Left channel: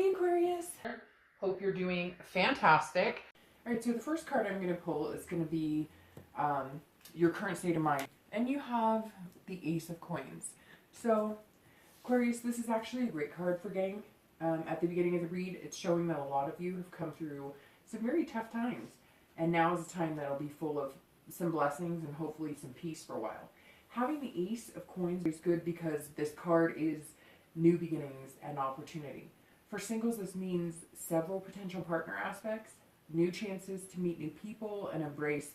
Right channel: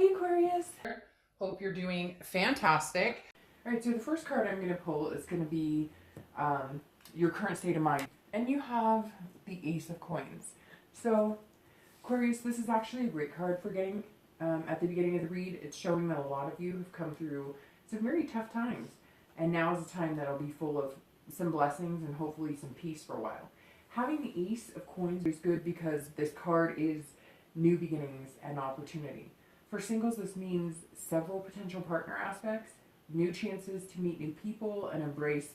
Hey Aquarius! Hope you're doing fantastic. Alright, so the first card I'm going to pull is going to be your current state of mind. And you have the Ace of Coins. So, Aquarius, this is actually a great card for getting at the beginning of the read. It's showing that a lot of you have come through some very tough times. And now is the time that'll be full of some blessings and hopefully some peace for a while. Having the Ace of Coins is good because this card is new beginnings and opportunity. For singles, this means several potential partner aspects, new chances to meet new people and embrace,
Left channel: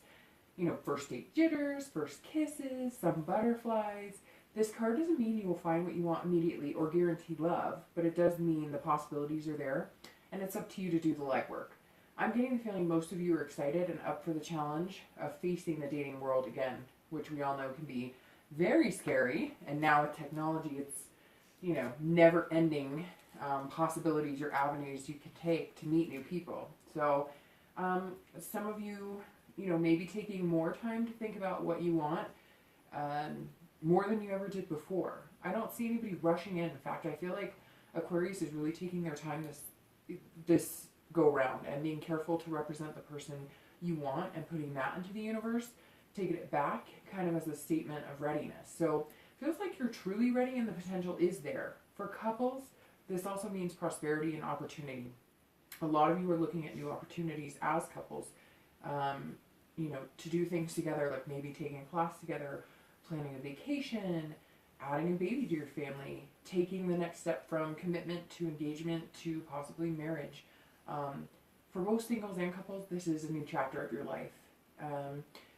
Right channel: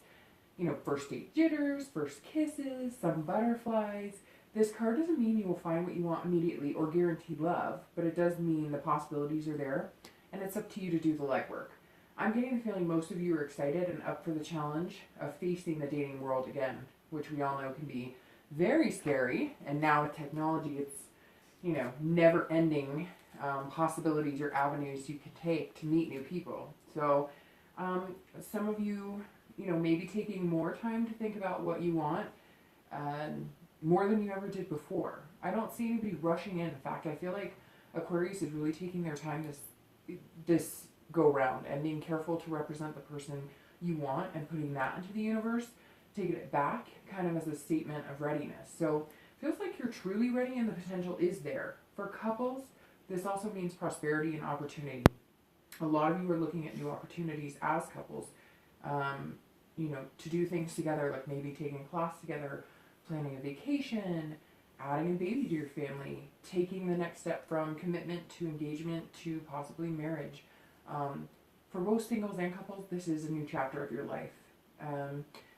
first date jitters, first kisses, some butterflies. This card doesn't mean you will find what you want immediately or guarantee love, but it does mean the possibilities are there, and it's up to you to do the legwork. I'm getting the feeling most of you are excited and up for the challenge of facing the dating world again, which we all know can be very scary, and now with technology, it's, never-ending possibilities or avenues you can take to meet new people. So some of you, maybe taking more time to think about what you want, more than you ever did before. I don't see anybody rushing in. In fact, I feel like Aquarius is really taking their time this go round and being careful to represent the person you want and putting that into the universe, taking it back kind of as a statement of readiness. So it feels like you're truly ready and the potential is there. For couples, this also means prosperity and opportunity. A lot of you are looking at new opportunities as couples, to do things together, like maybe taking a class together, planning a vacation, adding a baby to your family, taking the next step from commitment to engagement to possibly marriage. For both singles and couples, this is a new chapter of your life.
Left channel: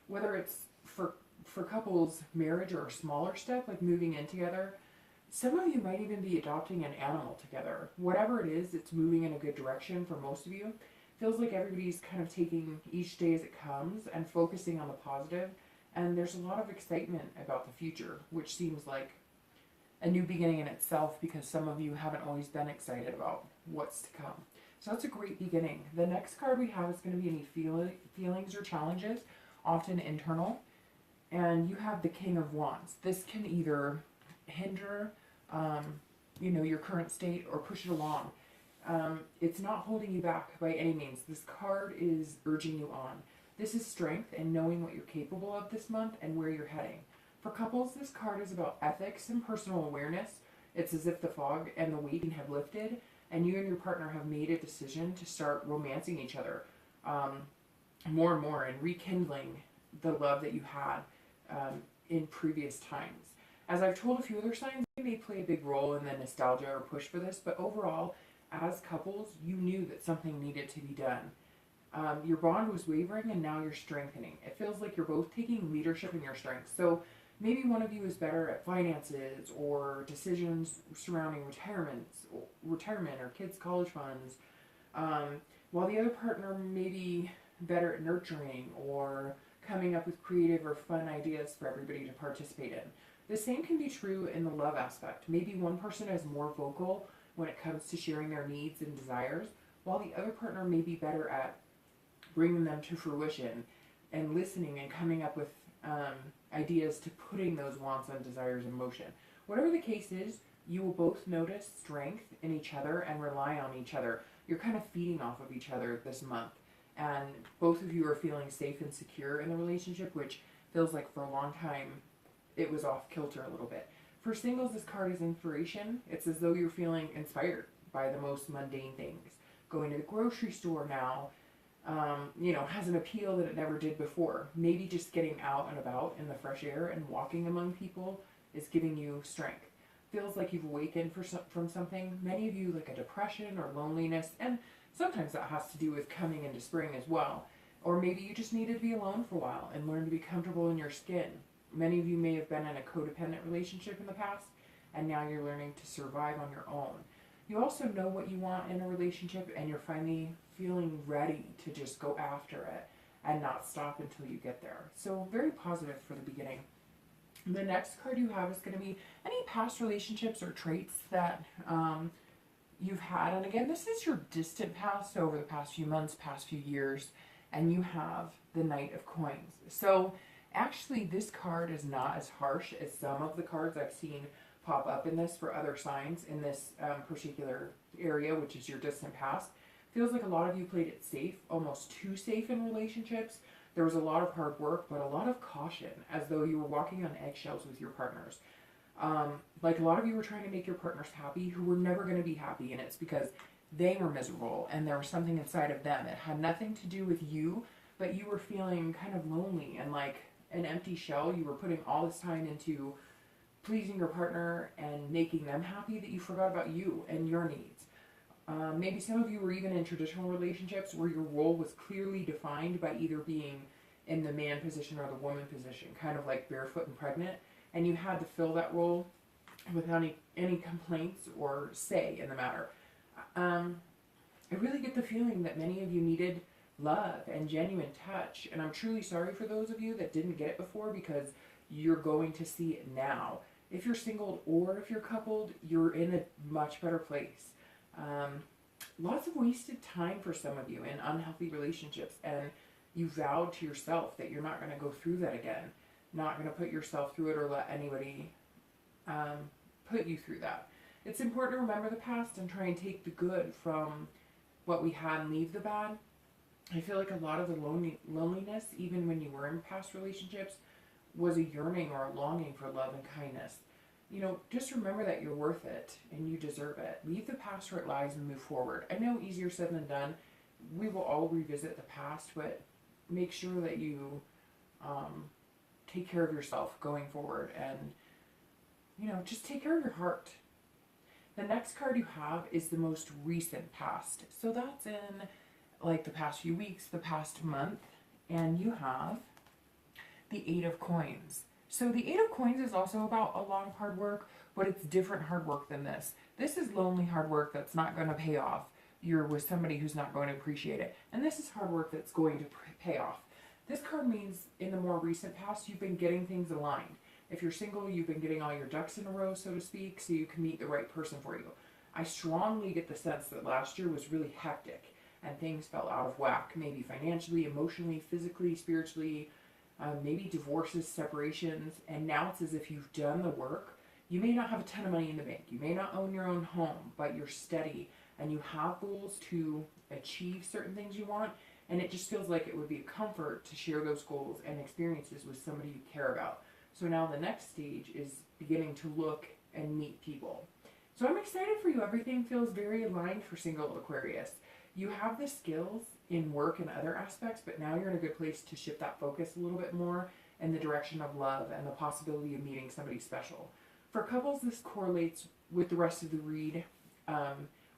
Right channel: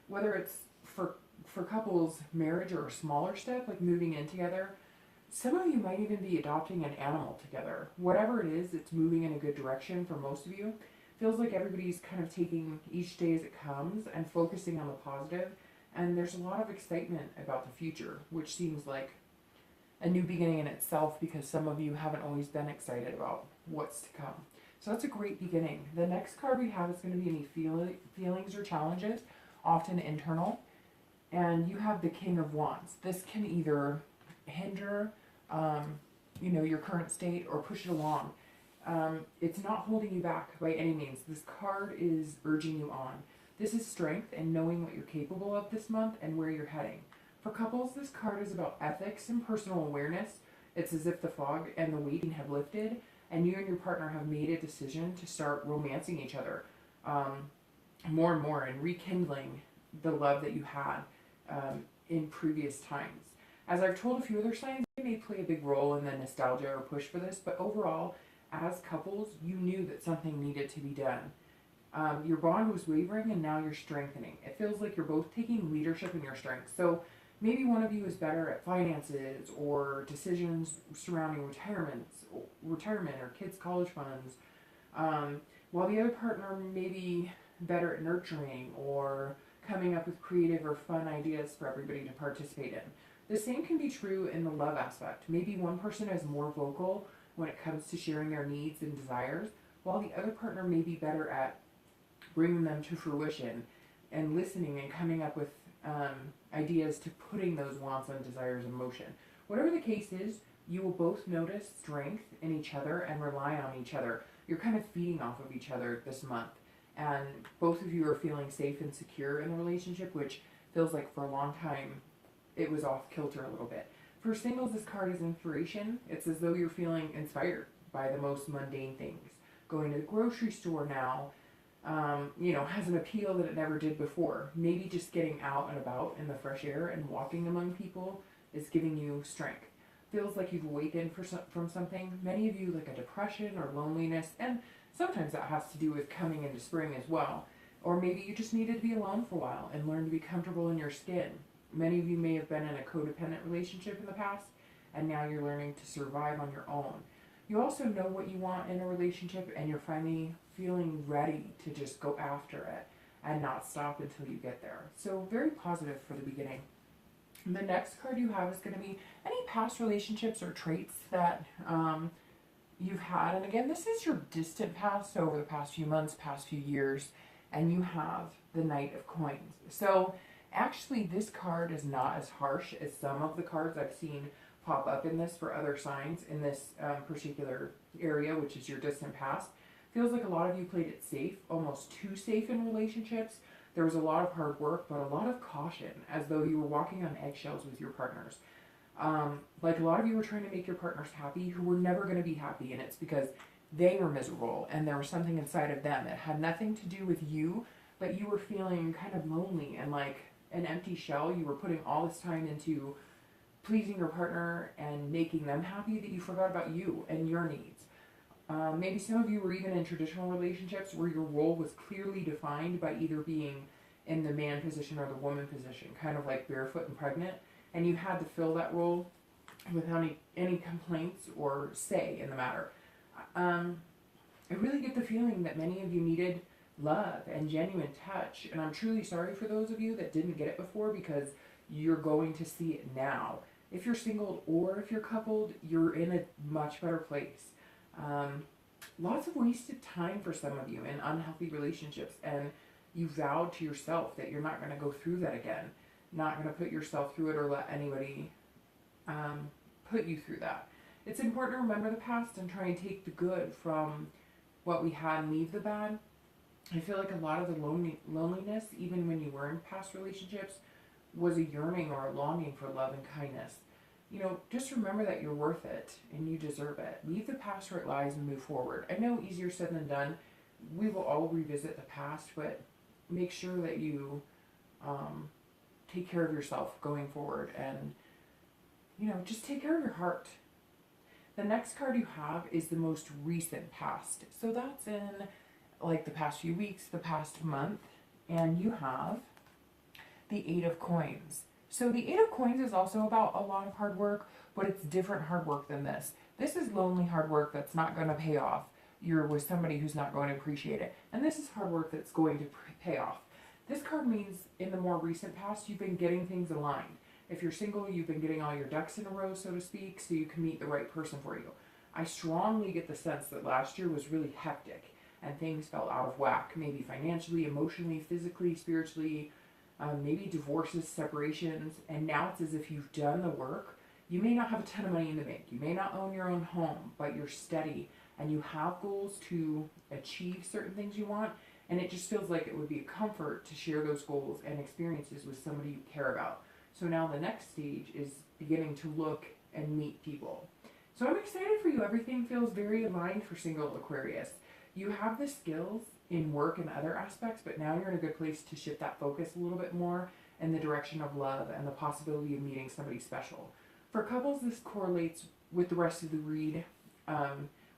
Whether it's for couples, marriage, or a smaller step like moving in together, some of you might even be adopting an animal together. Whatever it is, it's moving in a good direction for most of you. Feels like everybody's kind of taking each day as it comes and focusing on the positive. And there's a lot of excitement about the future, which seems like a new beginning in itself because some of you haven't always been excited about what's to come. So that's a great beginning. The next card we have is going to be any feelings or challenges, often internal. And you have the King of Wands. This can either hinder, your current state or push it along. It's not holding you back by any means. This card is urging you on. This is strength and knowing what you're capable of this month and where you're heading. For couples, this card is about ethics and personal awareness. It's as if the fog and the waiting have lifted and you and your partner have made a decision to start romancing each other more and more and rekindling the love that you had in previous times. As I've told a few other signs, they may play a big role in the nostalgia or push for this, but overall, as couples, you knew that something needed to be done. Your bond was wavering and now you're strengthening. It feels like you're both taking leadership in your strengths. So maybe one of you is better at finances or decisions surrounding retirement or kids' college funds, while the other partner may be better at nurturing or coming up with creative or fun ideas for everybody to participate in. The same can be true in the love aspect. Maybe one person is more vocal when it comes to sharing their needs and desires, while the other partner may be better at bringing them to fruition and listening and coming up with ideas to putting those wants and desires in motion. Whatever the case is, you will both notice strength in each other and rely on each other. You're kind of feeding off of each other this month. And both of you are feeling safe and secure in the relationship, which feels like for a long time it was off kilter a little bit. For singles, this card is inspiration. It's as though you're feeling inspired by the most mundane things. Going to the grocery store now, has an appeal that it never did before. Maybe just getting out and about in the fresh air and walking among people is giving you strength. Feels like you've awakened from something. Many of you like a depression or loneliness, and sometimes that has to do with coming into spring as well. Or maybe you just needed to be alone for a while and learn to be comfortable in your skin. Many of you may have been in a codependent relationship in the past, and now you're learning to survive on your own. You also know what you want in a relationship, and you're finally feeling ready to just go after it and not stop until you get there. So very positive for the beginning. The next card you have is going to be any past relationships or traits that you've had. And again, this is your distant past, so over the past few months, past few years, and you have the Knight of Coins. So actually, this card is not as harsh as some of the cards I've seen pop up in this for other signs in this particular area, which is your distant past. Feels like a lot of you played it safe, almost too safe in relationships. There was a lot of hard work, but a lot of caution, as though you were walking on eggshells with your partners. Like a lot of you were trying to make your partners happy who were never going to be happy, and it's because they were miserable and there was something inside of them that had nothing to do with you, but you were feeling kind of lonely and like an empty shell. You were putting all this time into pleasing your partner and making them happy that you forgot about you and your needs. Maybe some of you were even in traditional relationships where your role was clearly defined by either being in the man position or the woman position, kind of like barefoot and pregnant, and you had to fill that role without any complaints or say in the matter. I really get the feeling that many of you needed love and genuine touch, and I'm truly sorry for those of you that didn't get it before, because you're going to see it now. If you're single or if you're coupled, you're in a much better place. Lots of wasted time for some of you in unhealthy relationships, and you vowed to yourself that you're not going to go through that again, not going to put yourself through it or let anybody put you through that. It's important to remember the past and try and take the good from what we had and leave the bad. I feel like a lot of the loneliness, even when you were in past relationships, was a yearning or a longing for love and kindness. You know, just remember that you're worth it and you deserve it. Leave the past where it lies and move forward. I know easier said than done. We will all revisit the past, but make sure that you take care of yourself going forward, and, you know, just take care of your heart. The next card you have is the most recent past. So that's in like the past few weeks, the past month, and you have the Eight of Coins. So the Eight of Coins is also about a lot of hard work, but it's different hard work than this. This is lonely hard work that's not going to pay off. You're with somebody who's not going to appreciate it. And this is hard work that's going to pay off. This card means in the more recent past, you've been getting things aligned. If you're single, you've been getting all your ducks in a row, so to speak, so you can meet the right person for you. I strongly get the sense that last year was really hectic and things fell out of whack, maybe financially, emotionally, physically, spiritually, maybe divorces, separations, and now it's as if you've done the work. You may not have a ton of money in the bank. You may not own your own home, but you're steady and you have goals to achieve certain things you want, and it just feels like it would be a comfort to share those goals and experiences with somebody you care about. So now the next stage is beginning to look and meet people. So I'm excited for you. Everything feels very aligned for single Aquarius. You have the skills in work and other aspects, but now you're in a good place to shift that focus a little bit more in the direction of love and the possibility of meeting somebody special. For couples, this correlates with the rest of the read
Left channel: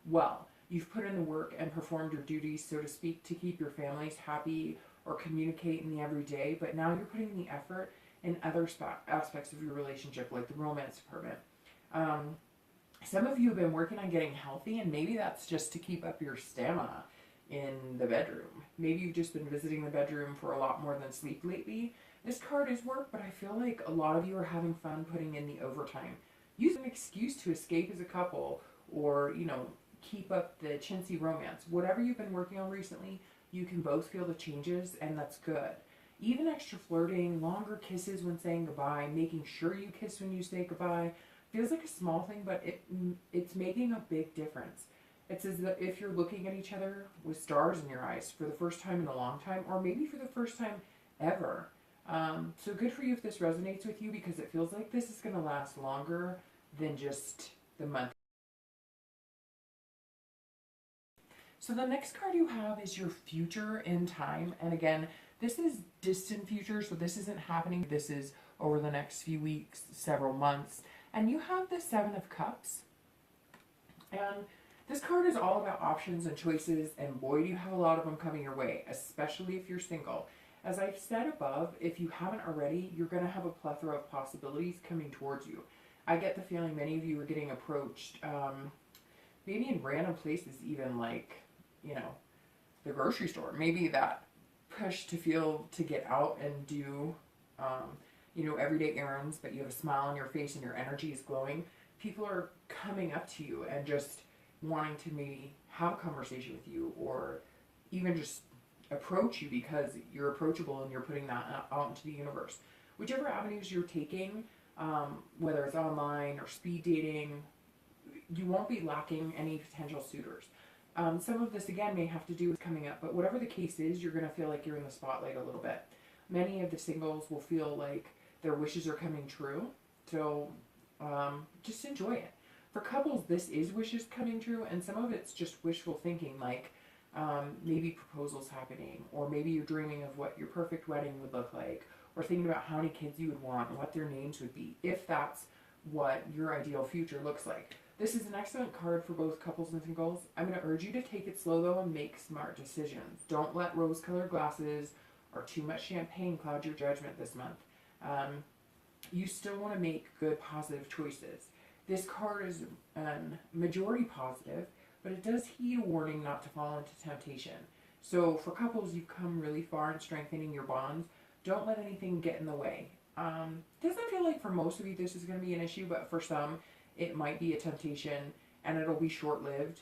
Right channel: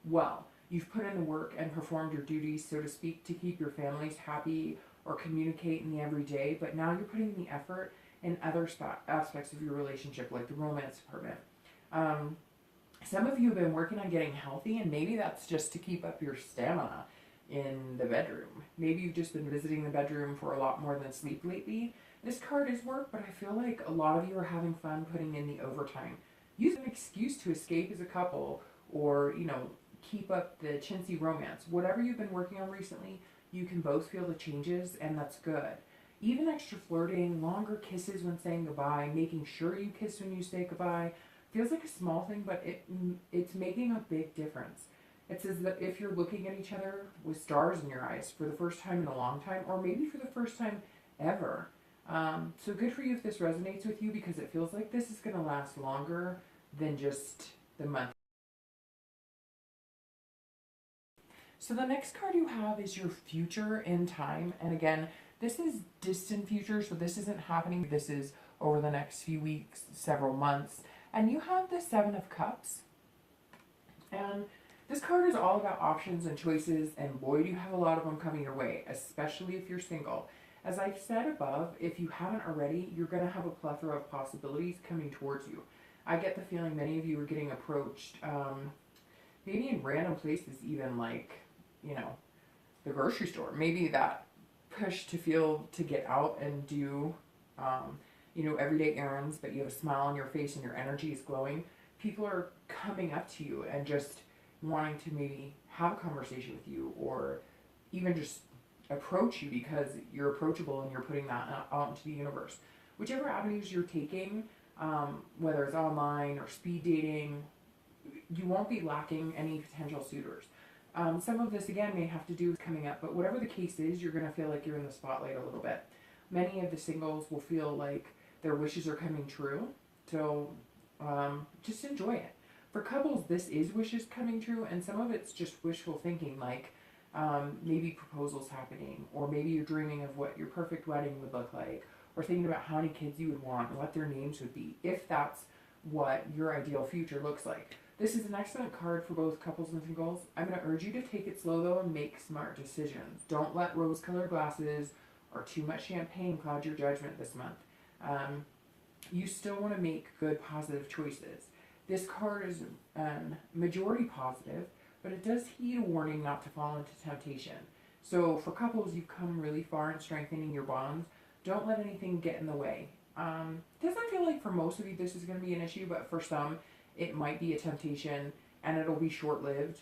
well. You've put in the work and performed your duties, so to speak, to keep your families happy or communicate in the everyday, but now you're putting the effort in other aspects of your relationship, like the romance department. Some of you have been working on getting healthy, and maybe that's just to keep up your stamina in the bedroom. Maybe you've just been visiting the bedroom for a lot more than sleep lately. This card is work, but I feel like a lot of you are having fun putting in the overtime. Use an excuse to escape as a couple, or, you know, keep up the chintzy romance. Whatever you've been working on recently, you can both feel the changes, and that's good. Even extra flirting, longer kisses when saying goodbye, making sure you kiss when you say goodbye, feels like a small thing, but it's making a big difference. It says that if you're looking at each other with stars in your eyes for the first time in a long time, or maybe for the first time ever. So good for you if this resonates with you, because it feels like this is going to last longer than just the month. So the next card you have is your future in time. And again, this is distant future, so this isn't happening. This is over the next few weeks, several months. And you have the Seven of Cups. And this card is all about options and choices, and boy, do you have a lot of them coming your way, especially if you're single. As I've said above, if you haven't already, you're going to have a plethora of possibilities coming towards you. I get the feeling many of you are getting approached, maybe in random places, even like, you know, the grocery store. Maybe that push to feel to get out and do, you know, everyday errands, but you have a smile on your face and your energy is glowing. People are coming up to you and just wanting to maybe have a conversation with you, or even just approach you because you're approachable and you're putting that out into the universe. Whichever avenues you're taking, whether it's online or speed dating. You won't be lacking any potential suitors. Some of this, again, may have to do with coming up, but whatever the case is, you're going to feel like you're in the spotlight a little bit. Many of the singles will feel like their wishes are coming true, so just enjoy it. For couples, this is wishes coming true, and some of it's just wishful thinking, like maybe proposals happening, or maybe you're dreaming of what your perfect wedding would look like, or thinking about how many kids you would want, and what their names would be, if that's what your ideal future looks like. This is an excellent card for both couples and singles. I'm going to urge you to take it slow though and make smart decisions. Don't let rose-colored glasses or too much champagne cloud your judgment this month. You still want to make good, positive choices. This card is majority positive, but it does heed a warning not to fall into temptation. So for couples, you've come really far in strengthening your bonds. Don't let anything get in the way. Doesn't feel like for most of you this is going to be an issue, but for some, it might be a temptation, and it'll be short-lived.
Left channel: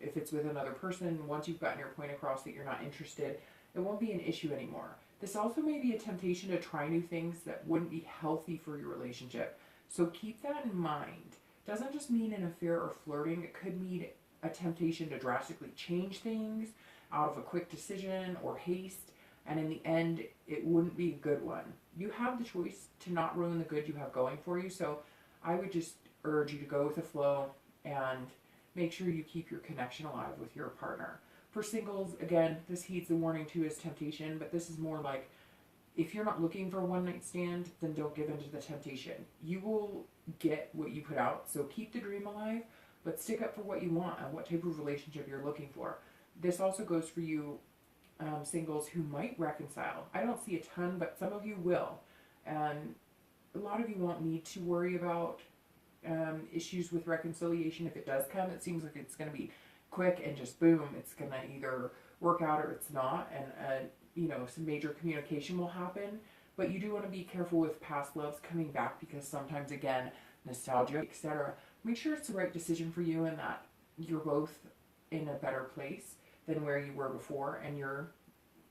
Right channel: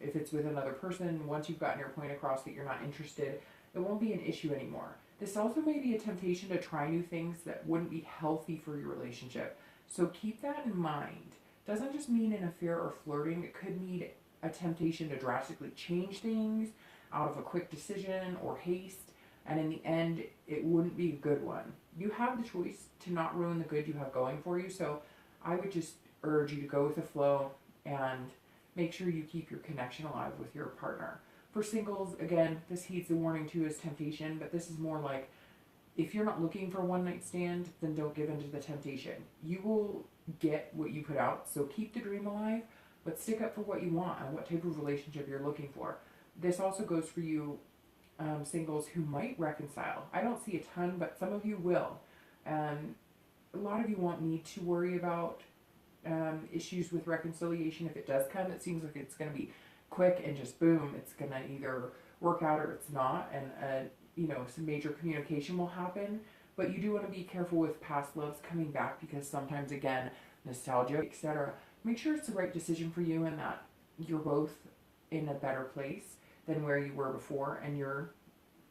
If it's with another person, once you've gotten your point across that you're not interested, it won't be an issue anymore. This also may be a temptation to try new things that wouldn't be healthy for your relationship. So keep that in mind. Doesn't just mean an affair or flirting. It could mean a temptation to drastically change things out of a quick decision or haste, and in the end, it wouldn't be a good one. You have the choice to not ruin the good you have going for you, so I would just urge you to go with the flow and make sure you keep your connection alive with your partner. For singles, again, this heeds the warning too as temptation, but this is more like, if you're not looking for a one-night stand, then don't give in to the temptation. You will get what you put out, so keep the dream alive, but stick up for what you want and what type of relationship you're looking for. This also goes for you singles who might reconcile. I don't see a ton, but some of you will. And a lot of you won't need to worry about issues with reconciliation. If it does come, it seems like it's going to be quick and just boom, it's going to either work out or it's not, and some major communication will happen. But you do want to be careful with past loves coming back, because sometimes, again, nostalgia, etc. Make sure it's the right decision for you and that you're both in a better place than where you were before, and you're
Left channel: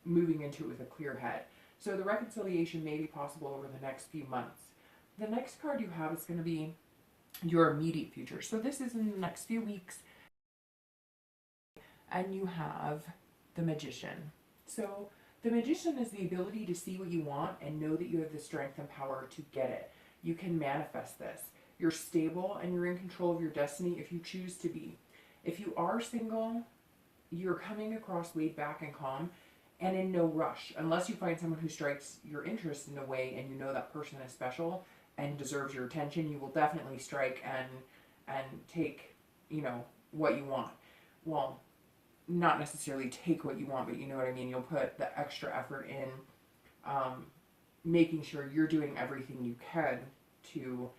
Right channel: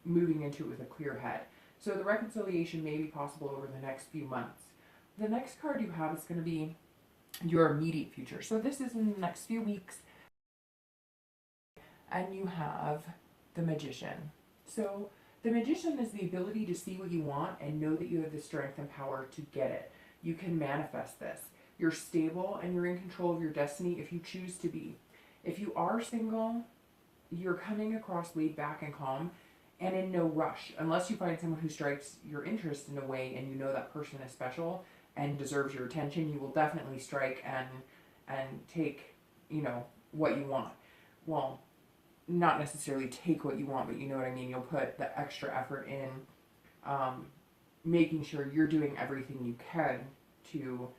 moving into it with a clear head. So the reconciliation may be possible over the next few months. The next card you have is going to be your immediate future. So this is in the next few weeks. And you have the Magician. So the Magician is the ability to see what you want and know that you have the strength and power to get it. You can manifest this. You're stable and you're in control of your destiny if you choose to be. If you are single, you're coming across laid back and calm and in no rush, unless you find someone who strikes your interest in a way and you know that person is special and deserves your attention. You will definitely strike and take, what you want. Well, not necessarily take what you want, but you know what I mean. You'll put the extra effort in making sure you're doing everything you can to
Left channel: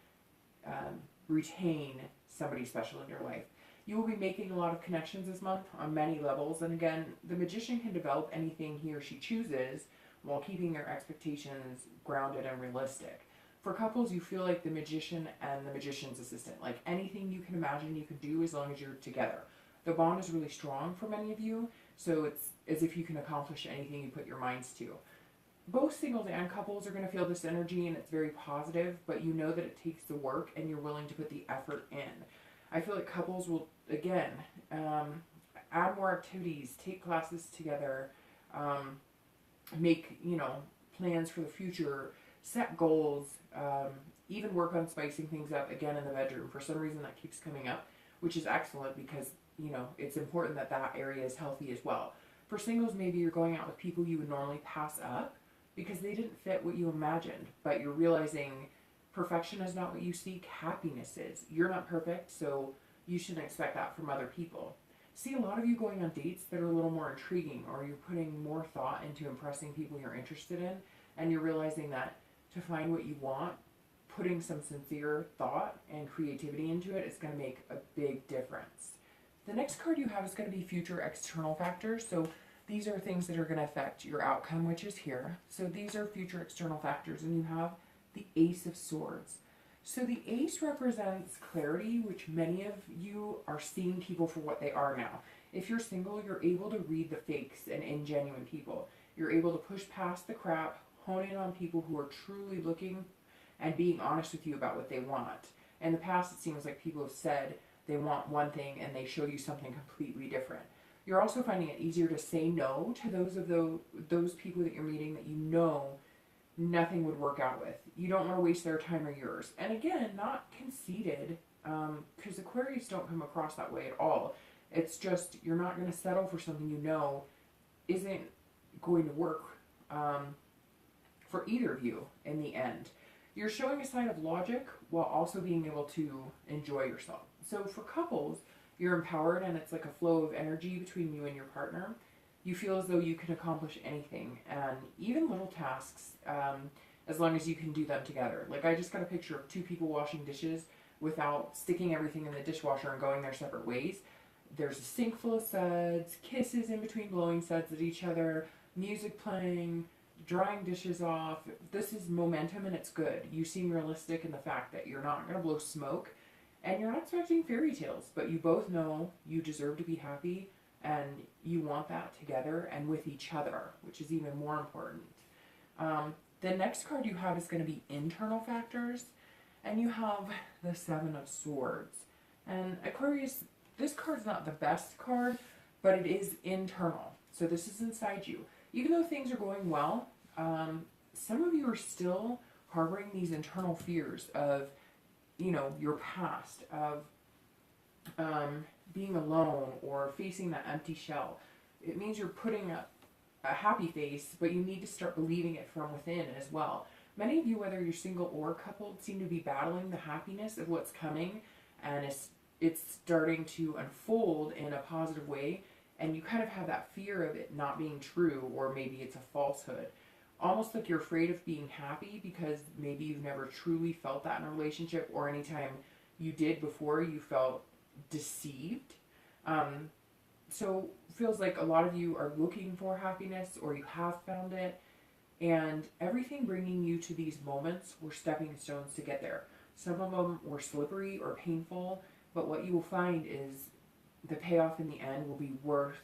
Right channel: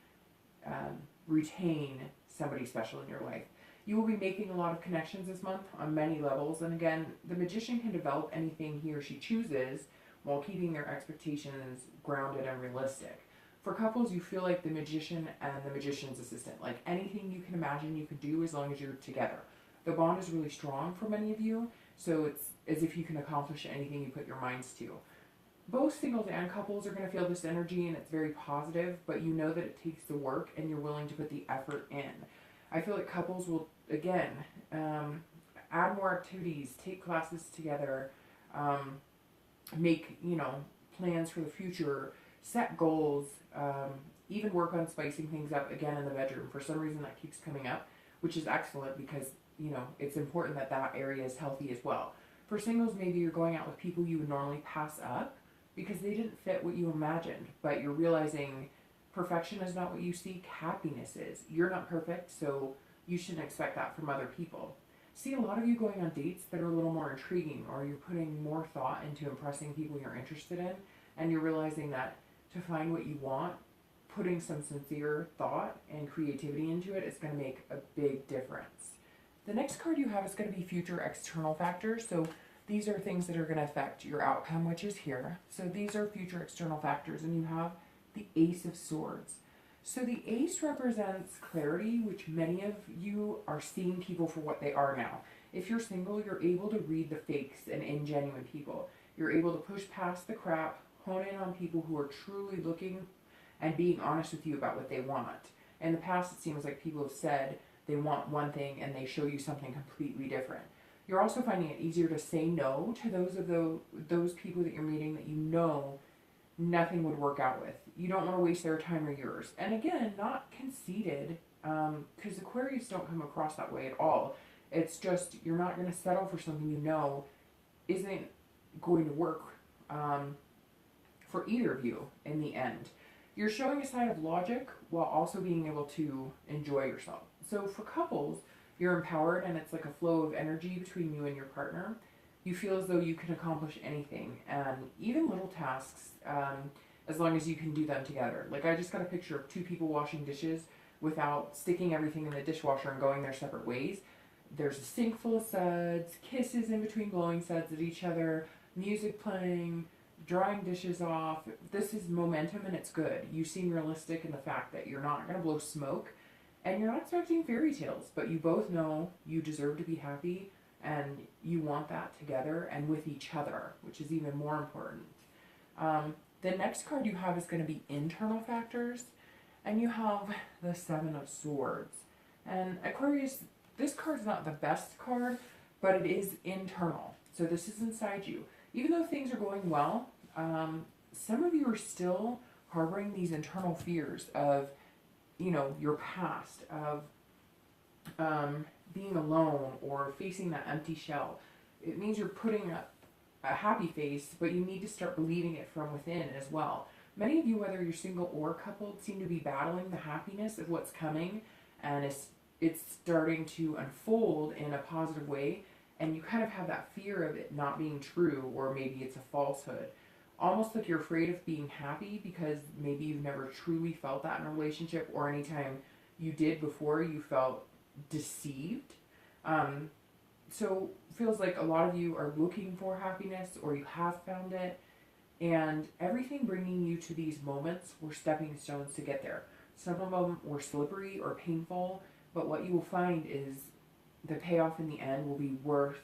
retain somebody special in your life. You will be making a lot of connections this month on many levels. And again, the Magician can develop anything he or she chooses while keeping their expectations grounded and realistic. For couples, you feel like the Magician and the Magician's assistant. Like anything you can imagine you can do as long as you're together. The bond is really strong for many of you, so it's as if you can accomplish anything you put your minds to. Both singles and couples are going to feel this energy, and it's very positive, but you know that it takes the work and you're willing to put the effort in. I feel like couples will, again, add more activities, take classes together, make, plans for the future, set goals, even work on spicing things up again in the bedroom. For some reason that keeps coming up, which is excellent because, it's important that that area is healthy as well. For singles, maybe you're going out with people you would normally pass up because they didn't fit what you imagined, but you're realizing perfection is not what you seek, happiness is. You're not perfect, so you shouldn't expect that from other people. See a lot of you going on dates that are a little more intriguing, or you're putting more thought into impressing people you're interested in, and you're realizing that to find what you want, putting some sincere thought and creativity into it is going to make a big difference. The next card you have is going to be future external factors. So these are things that are going to affect your outcome, which is here. So these are future external factors, and you have the Ace of Swords. So the Ace represents clarity, which many of you are seeing people for what they are now. If you're single, you're able to read the fakes and ingenuine people. You're able to push past the crap, hone in on people who are truly looking and being honest with you about what they want. In the past, it seems like people have said they want one thing and they show you something completely different. You're also finding it easier to say no to those people that you're meeting that you know nothing would work out with. You don't want to waste their time or yours. And again, not conceited, because Aquarius don't come across that way at all. It's just you're not going to settle for something you know isn't going to work for either of you in the end. You're showing a side of logic while also being able to enjoy yourself. So for couples, you're empowered and it's like a flow of energy between you and your partner. You feel as though you can accomplish anything, and even little tasks, as long as you can do them together. Like I just got a picture of two people washing dishes without sticking everything in the dishwasher and going their separate ways. There's a sink full of suds, kisses in between blowing suds at each other, music playing, drying dishes off. This is momentum and it's good. You seem realistic in the fact that you're not going to blow smoke and you're not expecting fairy tales, but you both know you deserve to be happy and you want that together and with each other, which is even more important. The next card you have is going to be internal factors, and you have the Seven of Swords. And Aquarius, this card's not the best card, but it is internal. So this is inside you. Even though things are going well, some of you are still harboring these internal fears of, you know, your past, of being alone or facing that empty shell. It means you're putting up a happy face, but you need to start believing it from within as well. Many of you, whether you're single or coupled, seem to be battling the happiness of what's coming, and it's starting to unfold in a positive way, and you kind of have that fear of it not being true, or maybe it's a falsehood. Almost like you're afraid of being happy because maybe you've never truly felt that in a relationship, or anytime you did before you felt deceived. So feels like a lot of you are looking for happiness, or you have found it, and everything bringing you to these moments were stepping stones to get there. Some of them were slippery or painful, but what you will find is the payoff in the end will be worth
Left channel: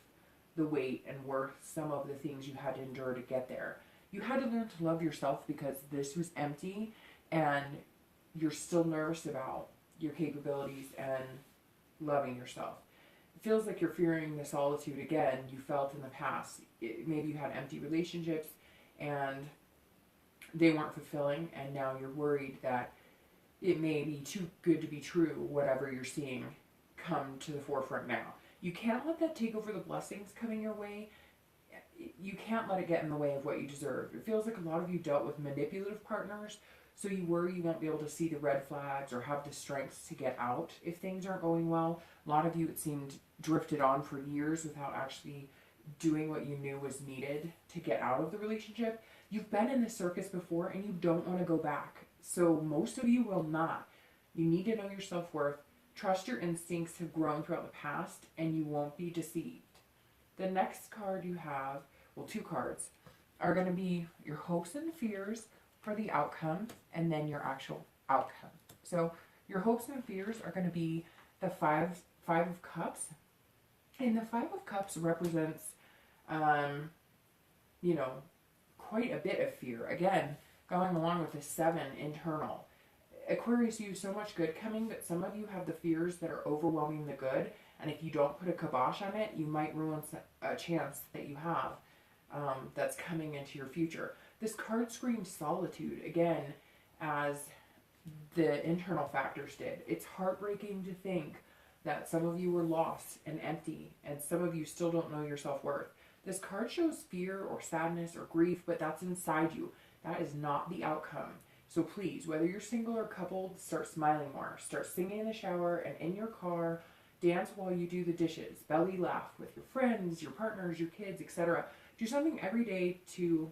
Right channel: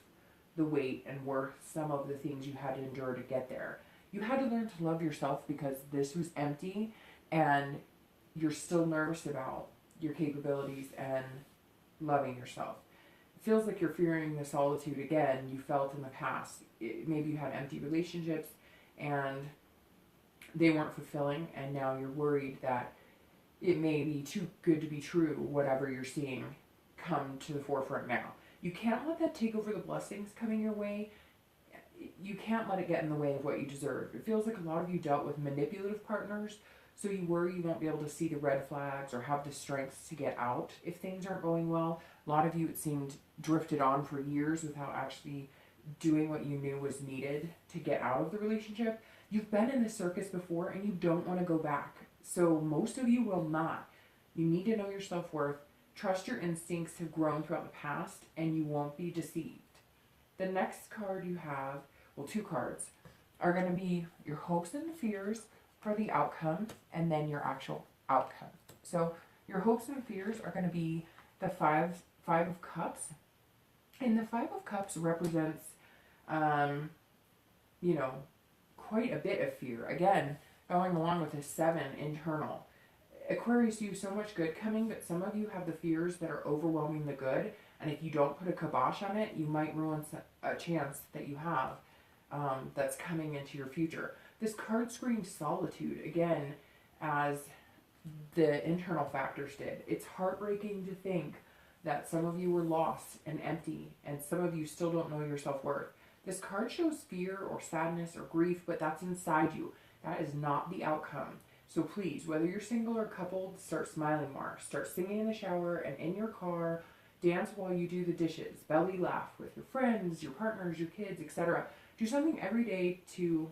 the wait and worth some of the things you had to endure to get there. You had to learn to love yourself because this was empty and you're still nervous about your capabilities and loving yourself. It feels like you're fearing the solitude again you felt in the past. Maybe you had empty relationships and they weren't fulfilling, and now you're worried that it may be too good to be true, whatever you're seeing come to the forefront now. You can't let that take over the blessings coming your way. You can't let it get in the way of what you deserve. It feels like a lot of you dealt with manipulative partners, so you worry you won't be able to see the red flags or have the strength to get out if things aren't going well. A lot of you, it seemed, drifted on for years without actually doing what you knew was needed to get out of the relationship. You've been in this circus before and you don't want to go back. So most of you will not. You need to know your self-worth. Trust your instincts have grown throughout the past and you won't be deceived. The next card you have, well, two cards, are going to be your hopes and fears for the outcome and then your actual outcome. So your hopes and fears are going to be the Five of Cups. And the Five of Cups represents, you know, quite a bit of fear. Again, going along with the Seven internal. Aquarius, you have so much good coming that some of you have the fears that are overwhelming the good. And if you don't put a kibosh on it, you might ruin a chance that you have that's coming into your future. This card screams solitude, again, as the internal factors did. It's heartbreaking to think that some of you were lost and empty, and some of you still don't know your self-worth. This card shows fear or sadness or grief, but that's inside you. That is not the outcome. So please, whether you're single or coupled, start smiling more. Start singing in the shower and in your car. Dance while you do the dishes. Belly laugh with your friends, your partners, your kids, etc. Do something every day to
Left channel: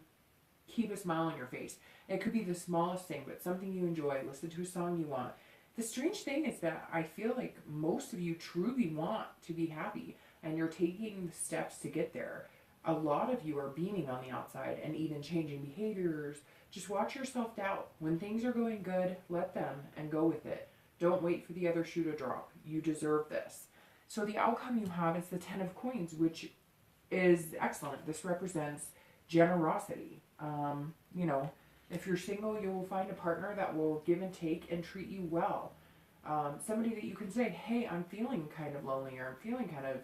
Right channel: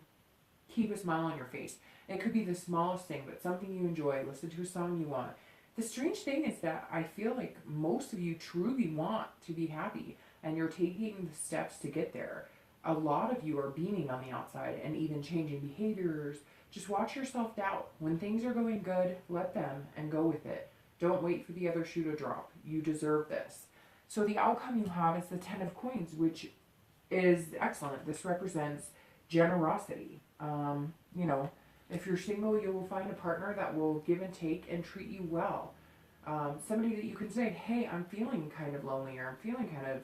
keep a smile on your face. It could be the smallest thing, but something you enjoy. Listen to a song you want. The strange thing is that I feel like most of you truly want to be happy, and you're taking the steps to get there. A lot of you are beaming on the outside and even changing behaviors. Just watch your self-doubt. When things are going good, let them and go with it. Don't wait for the other shoe to drop. You deserve this. So the outcome you have is the Ten of Coins, which is excellent. This represents generosity. You know, If you're single, you will find a partner that will give and take and treat you well. Somebody that you can say, hey, I'm feeling kind of lonely, or I'm feeling kind of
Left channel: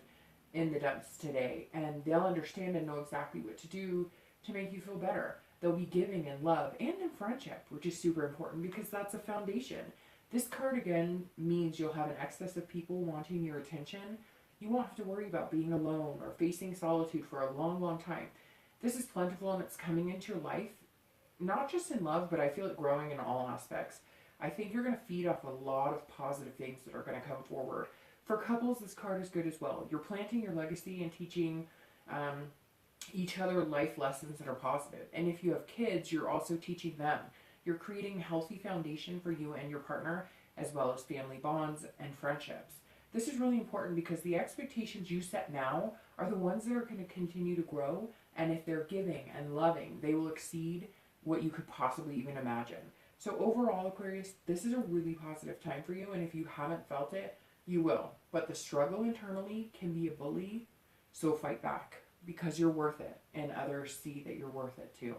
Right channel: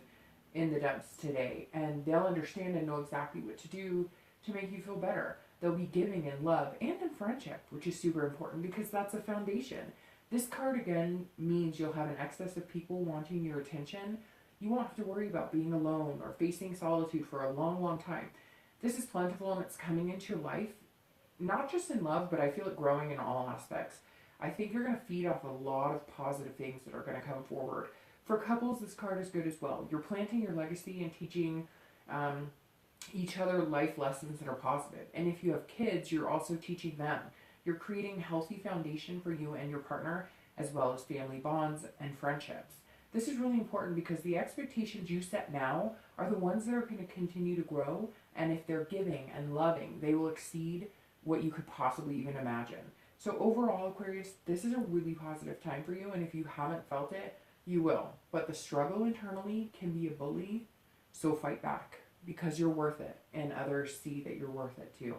in the dumps today, and they'll understand and know exactly what to do to make you feel better. They'll be giving in love and in friendship, which is super important because that's a foundation. This card again means you'll have an excess of people wanting your attention. You won't have to worry about being alone or facing solitude for a long, long time. This is plentiful and it's coming into your life, not just in love, but I feel it growing in all aspects. I think you're going to feed off a lot of positive things that are going to come forward. For couples, this card is good as well. You're planting your legacy and teaching each other life lessons that are positive. And if you have kids, you're also teaching them. You're creating a healthy foundation for you and your partner, as well as family bonds and friendships. This is really important because the expectations you set now are the ones that are going to continue to grow. And if they're giving and loving, they will exceed what you could possibly even imagine. So overall, Aquarius, this is a really positive time for you. And if you haven't felt it, you will. But the struggle internally can be a bully. So fight back because you're worth it. And others see that you're worth it too.